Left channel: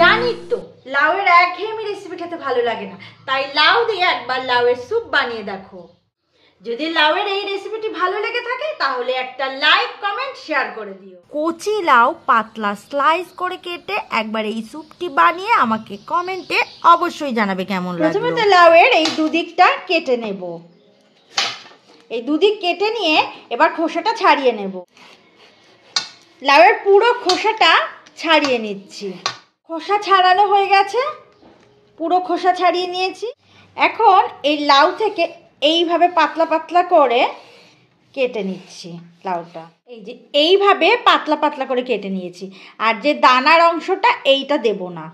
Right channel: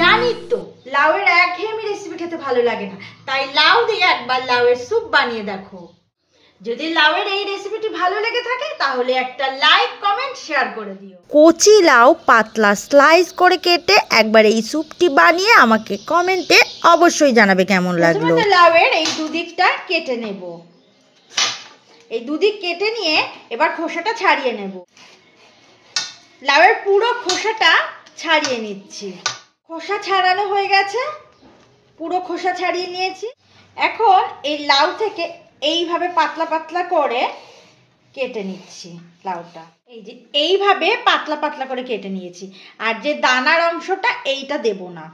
জানি তো লাউয়ের একঘেয়েমি রেসিপি খেতে ভালো লাগে না, তাই লাউ দিয়ে একবার লাউয়ের স্যুপ বানিয়ে দেখো। যদি লাউয়ের এই রেসিপিটি ভালো লেগে থাকে তাহলে একটা লাইক কমেন্ট শেয়ার করে দিও। কচি লাউ পাতলা স্লাইস করে কেটে একবার এই স্যুপটি বানিয়ে আমাকে কমেন্টে অবশ্যই জানাবে কেমন লাগলো। লাউয়ের এই দুদিকটা কেটে নেব। এই দুদিক কেটে নিয়ে এবার খোসাটা ছাড়িয়ে নেব। লাউয়ের পুরো খোসাটা ছাড়িয়ে নিচ্ছি। খোসা ছাড়ানো হয়ে গেছে, পুরো খোসা ছাড়িয়ে নিয়েছি। এখন এই লাউ থেকে এইভাবে পাতলা পাতলা করে কেটে নিচ্ছি লাউটা। এই যে এইভাবে পাতলা পাতলা করে কেটে নিয়েছি। আর যে দানার অংশটা এইটা দেব না,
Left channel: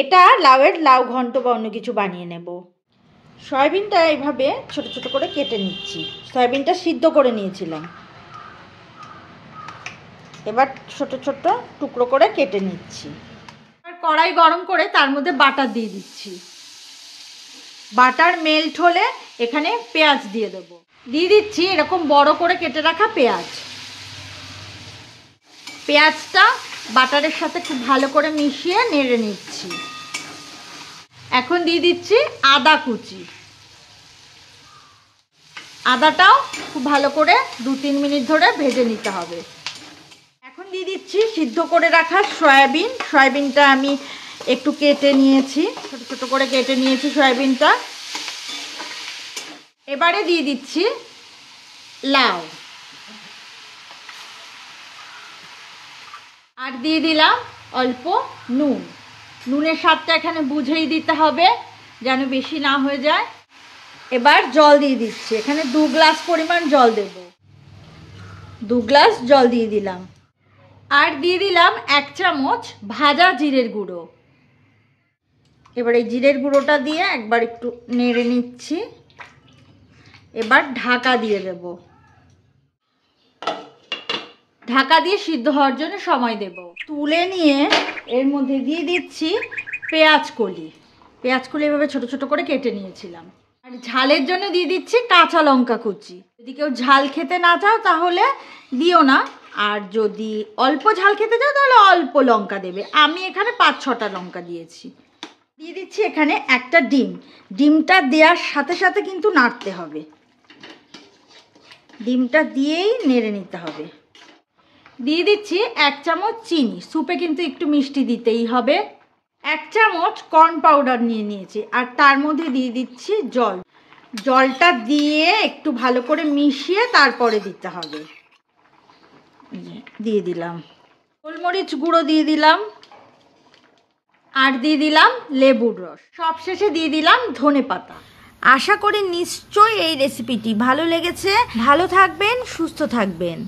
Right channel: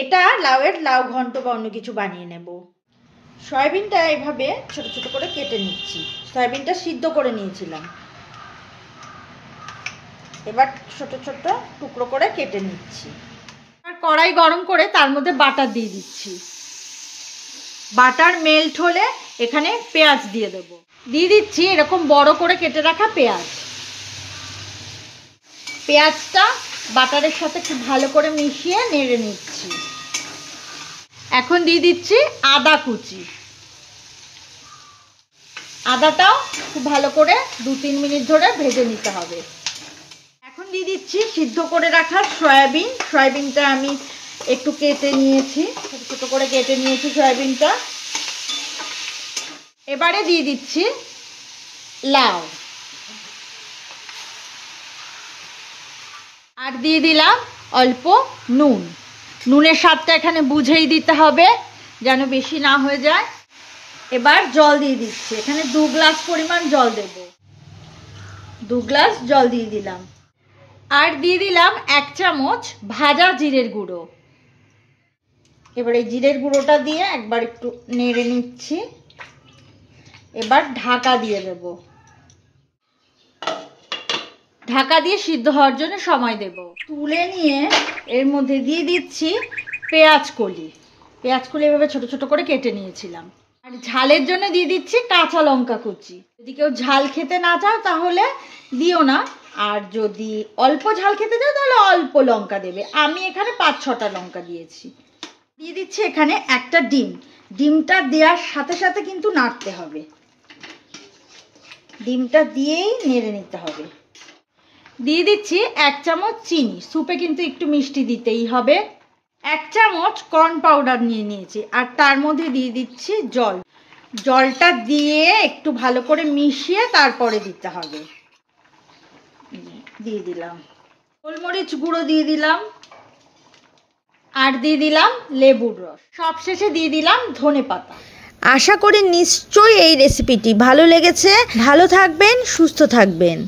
এটা লাউয়ের লাউ ঘন্ট বা অন্য কিছু বানিয়ে নেব। সয়াবিনটা এইভাবে ছোট ছোট করে কেটে নিচ্ছি। সয়াবিনটা সিদ্ধ করে নিয়েছিলাম, এবার ছোট ছোট টুকরো করে কেটে নিচ্ছি। আর কড়াই গরম করে তার মধ্যে বাটার দিয়ে দিচ্ছি। বাটার মেল্ট হলে এখানে পেঁয়াজ দিয়ে দেব। দিয়ে দিচ্ছি এরকম বড় করে কেটে রাখা পেঁয়াজ। পেঁয়াজটা বাটারের সাথে খুব ভালো করে মিশিয়ে নেড়ে নিচ্ছি। এখন দিয়ে দিচ্ছি আদা কুচি। আদাটাও খুব ভালো করে 2-3 মিনিট ধরে ভেজে নিতে হবে। এখন দিয়ে দিচ্ছি সিদ্ধ করে রাখা সয়াবিন। সয়াবিনটা আমি একটু কেটে নিয়েছি, ছোট ছোট করে কেটে নিয়েছি সয়াবিনটা। এবারে দিয়ে দিচ্ছি লাউ, আর দিয়ে দিলাম অল্প নুন। নুনের স্বাদটা এখানে বুঝেই দিতে হবে যেন বেশি না হয়ে যায়। এবার জল দিয়ে দিচ্ছি, এখানে 2 গ্লাস পরিমাণ জল দেব। 2 গ্লাস জল দিয়ে দিলাম। আর দিয়ে দিলাম 1 চামচ ভাজা জিরের গুঁড়ো। এবার এই জিরের গুঁড়োটা দিয়ে একবার একটু নেড়ে নিচ্ছি। এবার ঢাকা দিয়ে দেব। ঢাকা দিয়ে সিদ্ধ হওয়ার জন্য সময় দেব। তুলে নিয়ে এর মধ্যে দিয়ে দিচ্ছি পেঁয়াজ কলি। পেঁয়াজ কলি এভাবে ছোট ছোট করে কেটে নিয়েছিলাম। আর ঝালের জন্য দিয়ে দিচ্ছি কাঁচা লঙ্কা কুচি। যদি কেউ ঝাল খেতে না চাও তাহলে দিও না, আর যদি অল্প ঝাল খেতে চাও তাহলে অল্প লঙ্কা দেবে। আমি এখানে 5-6টা লঙ্কা দিয়েছি। দিয়ে দিচ্ছি এখানে একটা ডিম। ডিমটা দেওয়ার সাথে সাথে কিন্তু নাড়তে হবে। ডিমটা দিয়েই নেড়ে নিতে হবে। দিয়ে দিচ্ছি 1 চামচ চিনি। স্যুপে কিন্তু একটু মিষ্টি দিতেই হবে। 1 চামচ কর্ন পাউডার নিয়ে নিয়েছি, আর তার মধ্যে দিয়ে দিচ্ছি জল। জলটা দিয়ে একটু ভালো করে মিশিয়ে তারপরে দিতে হবে। দিয়ে দিলাম গোলমরিচ গুঁড়ো, দিয়ে দিলাম, আর দিয়ে দিলাম লেবুর রস। সবশেষে দিয়ে দিলাম ধনেপাতা। আশা করি নিশ্চয়ই এই রেসিপিটি ভালো লেগেছে। ভালো থাকবেন, সুস্থ থাকবেন।